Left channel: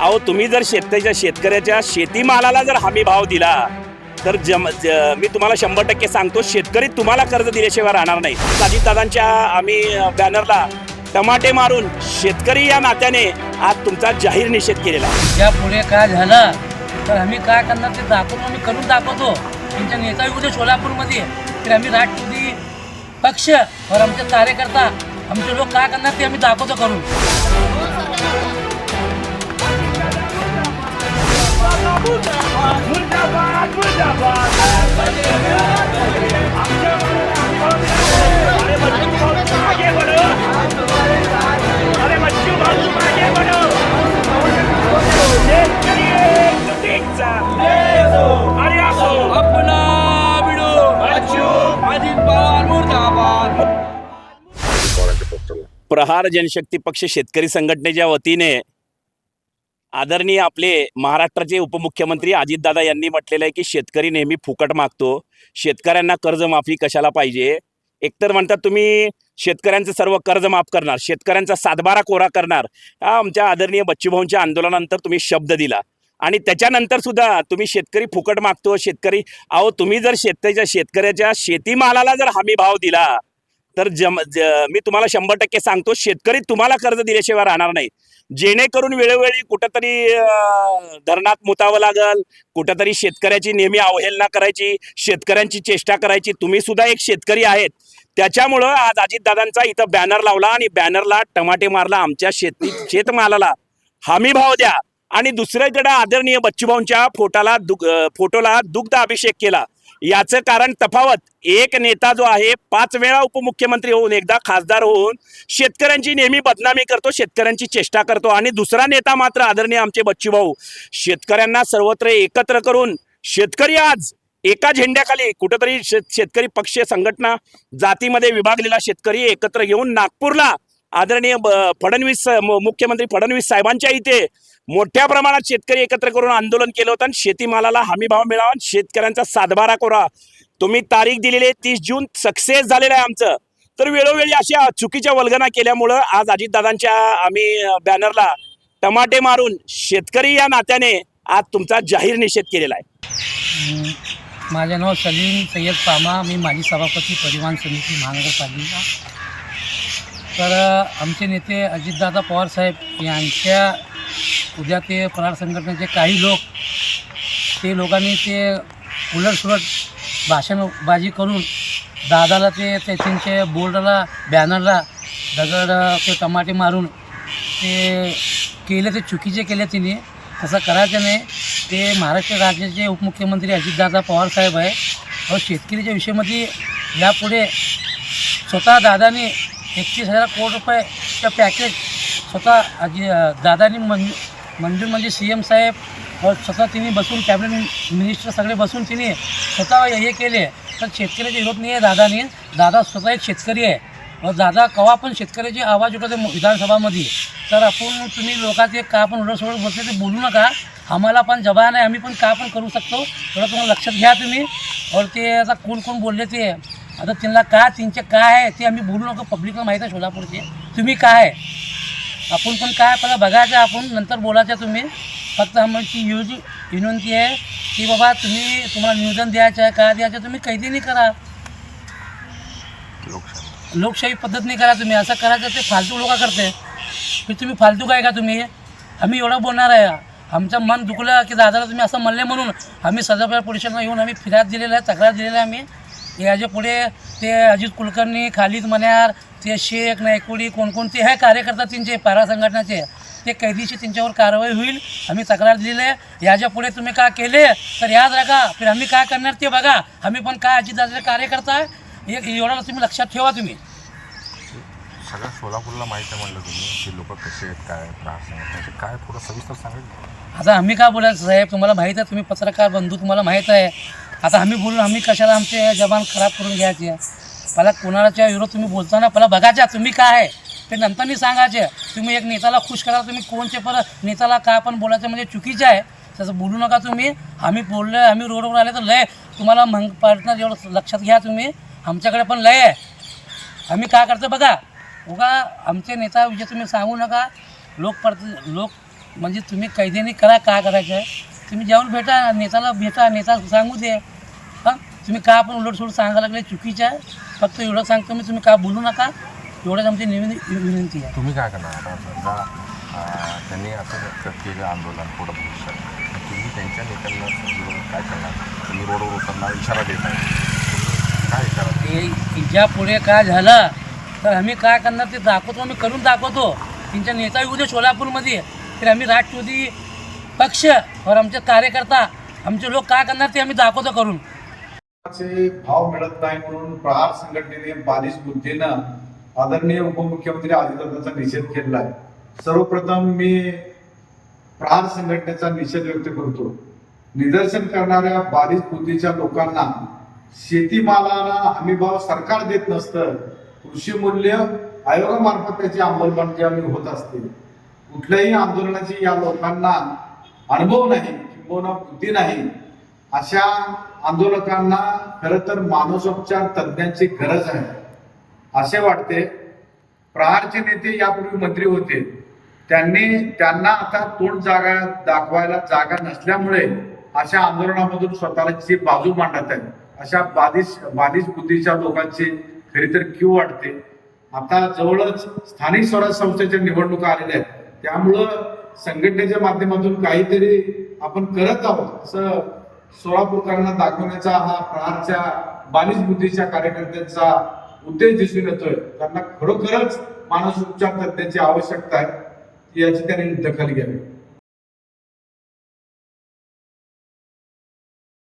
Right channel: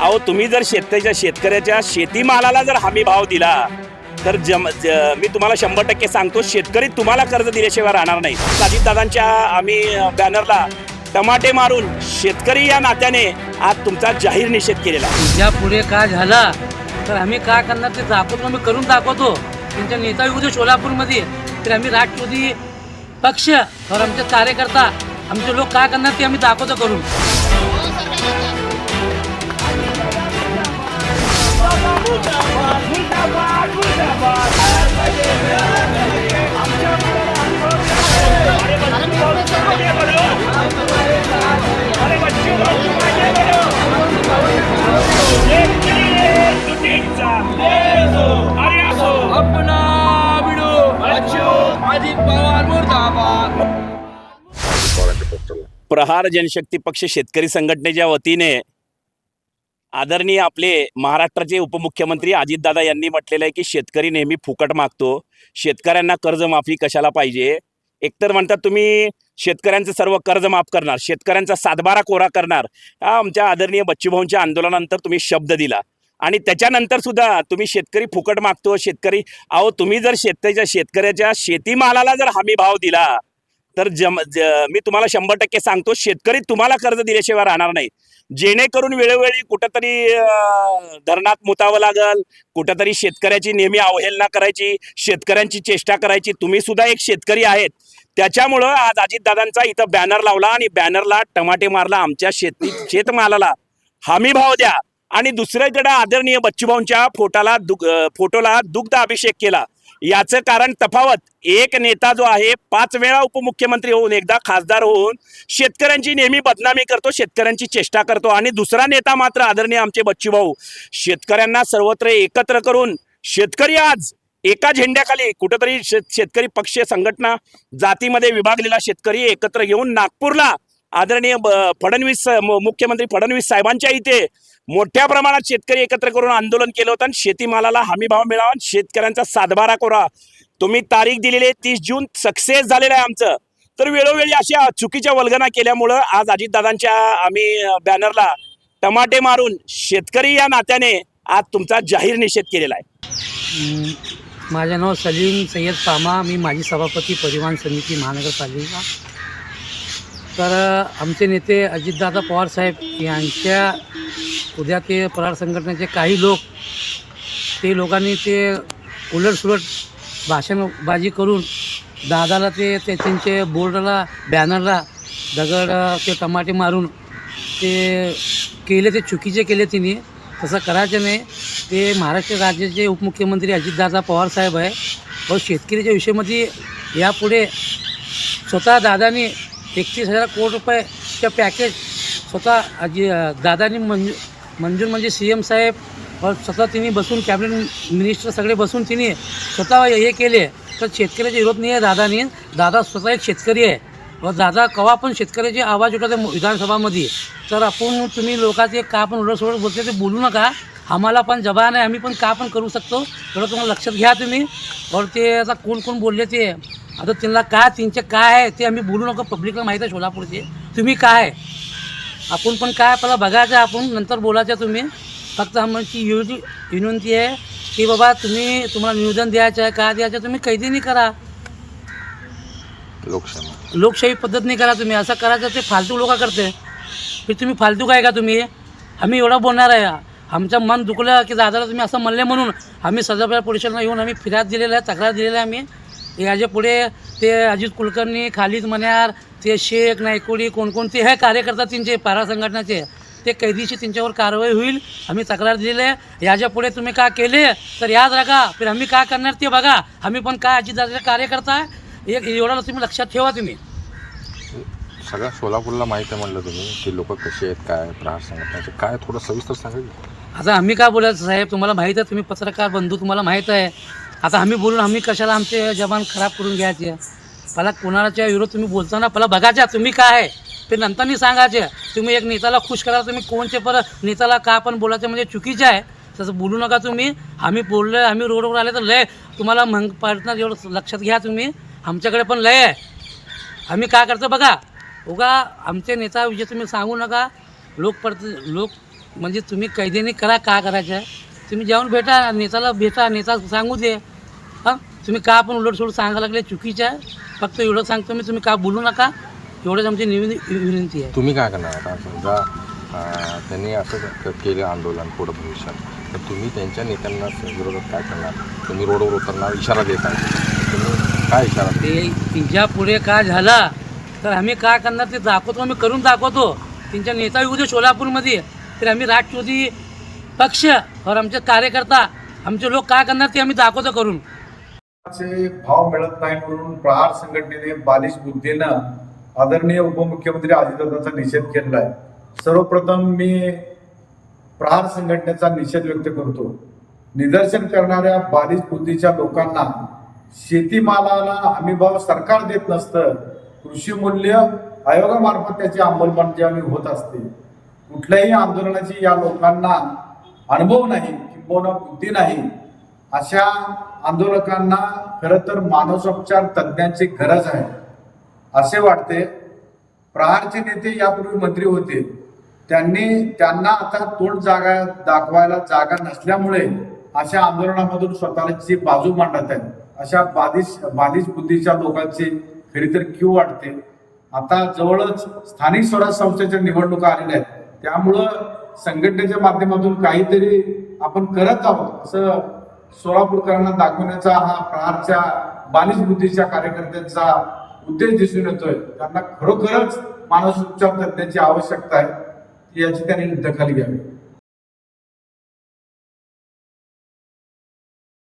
अहो तुम्ही जर शेतकऱ्याच्या शेतकऱ्याच्या शेतीमालाला जर हमी भाव दिला तर जम ज- मी तुम्हाला शंभर टक्के सांगतो शेतकरी तुम्हाला कर्ज दिल्याशिवाय राहणार नाही. अजितदादांच्या आम्ही बॅनरला टमाटे मारून शेतकरी या नात्याने आज तुमचा जाहीर निषेध केलेला आहे. या पुढे काय झाला तर आम्ही काय करणार ते दाखवतो आम्ही करून दाखवतो. तुमच्या नेता येऊ सोलापूरमध्ये तर आम्ही राष्ट्रवादी पक्ष और आमचे कार्यकर्ता आमचे लोक काय करणार ते आम्ही दाखवतो करून. प्रहार जनशक्ती पक्ष शेतकरी संघटनेच्या वतीने आदरणीय आपले महाराष्ट्राचे उपमुख्यमंत्री अजितदादा यांनी म्हटलेलं आहे की शेतकरी नेहमी फुकट मागतो. शेतकऱ्यांना कर्जमाफी कशाला पाहिजे? एकतर म्हणतात तुम्ही शेतकऱ्यांचं सर्व कर्ज माफ करणार शेतकऱ्यांचा सातबारा कोरा करणार. हा आमच्या आदरणीय बच्चूभाऊंच्या आंदोलनानंतर तुम्ही शब्द दिला. आणि त्याच्यानंतर सुद्धा तुम्ही शेतकरी फुकट मागतो शेतकरी अहो तुम्ही जर शेतकऱ्याच्या शेतकऱ्याच्या शेतीमालाला जर हमी भाव दिला तर जम मी तुम्हाला शंभर टक्के सांगतो शेतकरी तुम्हाला कर्ज दिल्याशिवाय राहणार नाही. जेणेकरून वेळोवेळी कुठंतरी धरणात मुतावं लागल कुठंतरी शेतकऱ्याची नेहमी अवहेलना करायची शेतकऱ्यांची चेष्टा करायची. तुम्ही सुद्धा एक शेतकरी आहेत. त्याच्यामुळं आज अजितदादांचा इथं बॅनर लावला आणि बॅनरला टमाटे मारला आमच्या शेती शेतमालाला. हमी भाव द्या. आणि दुसरीकडे आदरणीय बच्चूभाऊंच्या फोटाला दुग फोटोला दुग्ध अभिषेक केला. याचं कारण तफावत. एक नेता जो आहे पाच वेळा उपमुख्यमंत्री होऊन एकदा खासदार होऊन शेतकऱ्यांची नेहमी बदनामी करतो शेतकऱ्यांची चेष्टा करतो आणि दुसरा नेता मात्र आदरणीय आमचे बच्चूभाऊ शेतकऱ्यांना सर्वत्र एकत्र करून शेतकरी आज एका झेंड्याखाली कुठंतरी शेत शेतकरी पक्ष संघटना जातीमध्ये विभागलेला शेतकरी एकत्र घेऊन नागपूरला आदरणीय फडणवीस मुख्यमंत्री फडणवीस साहेबांच्या इथे मोठ्या प्रमाणात शेतकरी एकत्र करून आंदोलन केलं होतं आणि शेतीमालाला हमी भाव मिळावा आणि शेतकऱ्यांचा सातबारा कोरा. तुम्ही तारीख दिलेली आहे तीस जून सक्सेस झालेलं आहे आमचं. तर वेळोवेळी अशा चुकीच्या वल्गना केल्यामुळं आज अजितदादांच्या आम्ही बॅनरला टमाटे मारून शेतकरी या नात्याने आज तुमचा जाहीर निषेध केलेला आहे. हम्म, माझे नाव सलीम सय्यद पामा मी माजी सभापती परिवहन समिती महानगरपालिका. तर आमचे नेते अजितदादा पवारसाहेब यांच्या उद्या ते फरार संघटनेचे काही लोक ते लोकांनी ते उलटसुलट भाषणबाजी करून दादाला ते ते त्यांचे बोर्डला बॅनरला दगड ते टमाटे मारून ते केले ते चुकीचे केले तिने. तसं करायचं नाही. ते महाराष्ट्र राज्याचे उपमुख्यमंत्री अजितदादा पवारसाहेब आहे. व शेतकरीच्या विषयामध्ये यापुढे स्वतः दादानी एकतीस हजार कोटी रुपयेचं पॅकेज स्वतः अजि दादानी मंजू मंजूर म्हणजे सी एम साहेब स्वतः तिने बसून कॅबिनेट मिनिस्टर सगळे बसून तिने स्वतः हे केले. तर शेतकऱ्याचा विरोध नाही आहे दादाने. दादा स्वतः एक शेतकरी आहे. व दादा कवा पण शेतकऱ्याचे आवाज उठवते विधानसभामध्ये. तर आपण तुम्ही लोकांचे का पण उलटसोलट बोलते ते बोलू नका. आम्हाला पण जबान आहे आम्ही पण का पण करू शकतो? थोडं तुम्हाला लक्षात घ्या तुम्ही. और ते आता कोण कोण बोलले ते? आता त्यांना का त्यांचे काय आहे ते आम्ही बोलू नको पब्लिकला माहीत आहे सोलापूरचे. तुम्ही काय आहे? आपण पण काय पहिला बघायचं आपण नंतर बोलायचं तुम्ही. फक्त आमची एवढी विनंती आहे की बाबा तुम्ही तुम्हाला निवेदन द्यायचं आहे काय द्यायचं तुम्ही कैदीनी करा. लोकशाही. लोकशाही पद्धतीने करा तुम्ही असं करायचं ते फालतू लोक करते. की तुम्ही फालतू काय का तुम्ही? आम्ही एवढं बोलणार आहे. आमचं मन दुखलं की दादाला तुम्ही असं म्हणले म्हणून आम्ही सदाफळ पोलिसांना येऊन आम्ही फिर्याद दिलेलं आहे तक्रार दिलेलं आहे आम्ही. याच्यापुढे ते अजित कुलकर्णी खालिद मन्यार ते शेख नायकोडी कोणकोणते हे कार्यकर्ता त्यांचे पारा संघटनाचे ते कैदीची त्यांच्यावर कारवाई होईल आम्ही तक्रार दिलेली आहे. याच्यापुढे तुम्ही का केले? तर याद राखा फिर आम्ही काय करणार ते बघा. आम्ही पण काय अजितदादाचे कार्यकर्ता आहे? एक एवढं तुम्ही लक्षात ठेवा तुम्ही. सगळ्या सोलापूरला माहिती आहे म्हणलं तुम्ही की लोक कसे आहेत काय प्रहार संघटनाचे काय थोडं सविस्तर सांगेल आता आम्ही काय बोलायचं साहेब? तुम्हाला माहीत आहे तुम्ही पत्रकार बंधू तुम्हाला माहीत आहे. आता आम्ही बोलून आम्ही कशाला आमचे जबान खराब करून घ्यायचे? पहिला कोणाच्या विरोध तुम्ही बोलताना पहिला बघायच्या तुम्ही काय आहे. ते नंतरनी सांगायचे तुम्ही एक नेताला खुश करा तुम्ही कोणचे परत नेताला का पण बोलायचं म्हणजे चुकीचं आहे. तसं बोलू नका तुम्ही. आम्ही बोललो आम्ही रोडवर आले तर लय तुम्हाला मग पडणार एवढं लक्षात घ्या तुम्ही. आमच्याकडे पण लय आहे. आम्ही काय करतो बघा. उगा आमचे नेता विषय तुम्ही सांगू नका. लोक परत लोक म्हणजे तुम्ही कैद्यांनी करा का करायचं? आहे तुम्ही जाऊन भेटा नेत्याला भेटा नेता सांगू दे. हां? तुम्ही का आपण उलट सोड सांगायला लागले? चुकीचं आहे. फक्त एवढं सांगतो मी तुम्ही का बोलू नका? एवढंच आमची निविन विनंती आहे. तुम्ही काय करणार आता? समजा अं, त्यांनी असं क- केलं आंदोलन पुढं भविष्यात. तर तुम्ही त्यांच्या नेत्यांना विरोधात काय करणार? तुम्ही रोडवर उतरणार इशारा देत आहे. तुम्ही काय इशारा ते तिच्या पुढे काय झाला? तर आम्ही काय करणार? ते दाखवतो आम्ही करून दाखवतो. त्यांच्या नेता येऊ दे सोलापूरमध्ये. तर आम्ही राष्ट्रवादी पक्ष और आमचे कार्यकर्ता आमचे लोक काय करणार ते आम्ही दाखवतो करून. भाव मिळत नाही म्हणून प्रहार संघटनेने बालिश बुद्धीनं आदरणीय उपमुख्यमंत्री अजितदादांचा निषेध केलेला आहे सर्वप्रथम मी प्रहार संघटनेचा निषेध व्यक्त करतो. निदर्शन करणाऱ्या बालिश बुद्धीच्या लोकांना शेतीमालाला हमीभाव सरकार देत नसतं कृषी मूल्य आयोगामार्फत त्याची अंमलबजावणी होत असते. कुठल्याही आंदोलनाची या लोकांना अनुभव नाही किंबहुना बुद्धी नाही अशा आंदोलकांना खरं तर मानसोपचार तज्ज्ञांची गरज आहे. असे वाटते प्रहारचे नेते यापूर्वी मंत्री होते. त्यांनी त्यांना आता तोंड जागा दाखवायला जागा नसल्यामुळे अशा आंदोलनामधून स्वतःची बाजू मांडत आहे अशा बाधिश बाधित बुद्धीच्या लोकांची खरी तर क्यू वाटते. आता जवळच स्थानिक स्वराज संस्थेच्या निवडणुका आलेल्या आहेत. त्यामुळं संघटनेच्या माध्यमातून काहीतरी आपण करत आहोत. असं सोलापूरकरांना दाखवण्याचा हा प्रहारच्या बालिश बुद्धीच्या कार्यकर्त्यांचा उद्देश दिसून येतोय. त्यांना खरोखरच मानसोपचार तज्ञांची आवश्यकता आहे याची त्यांनी दखल घ्यावी.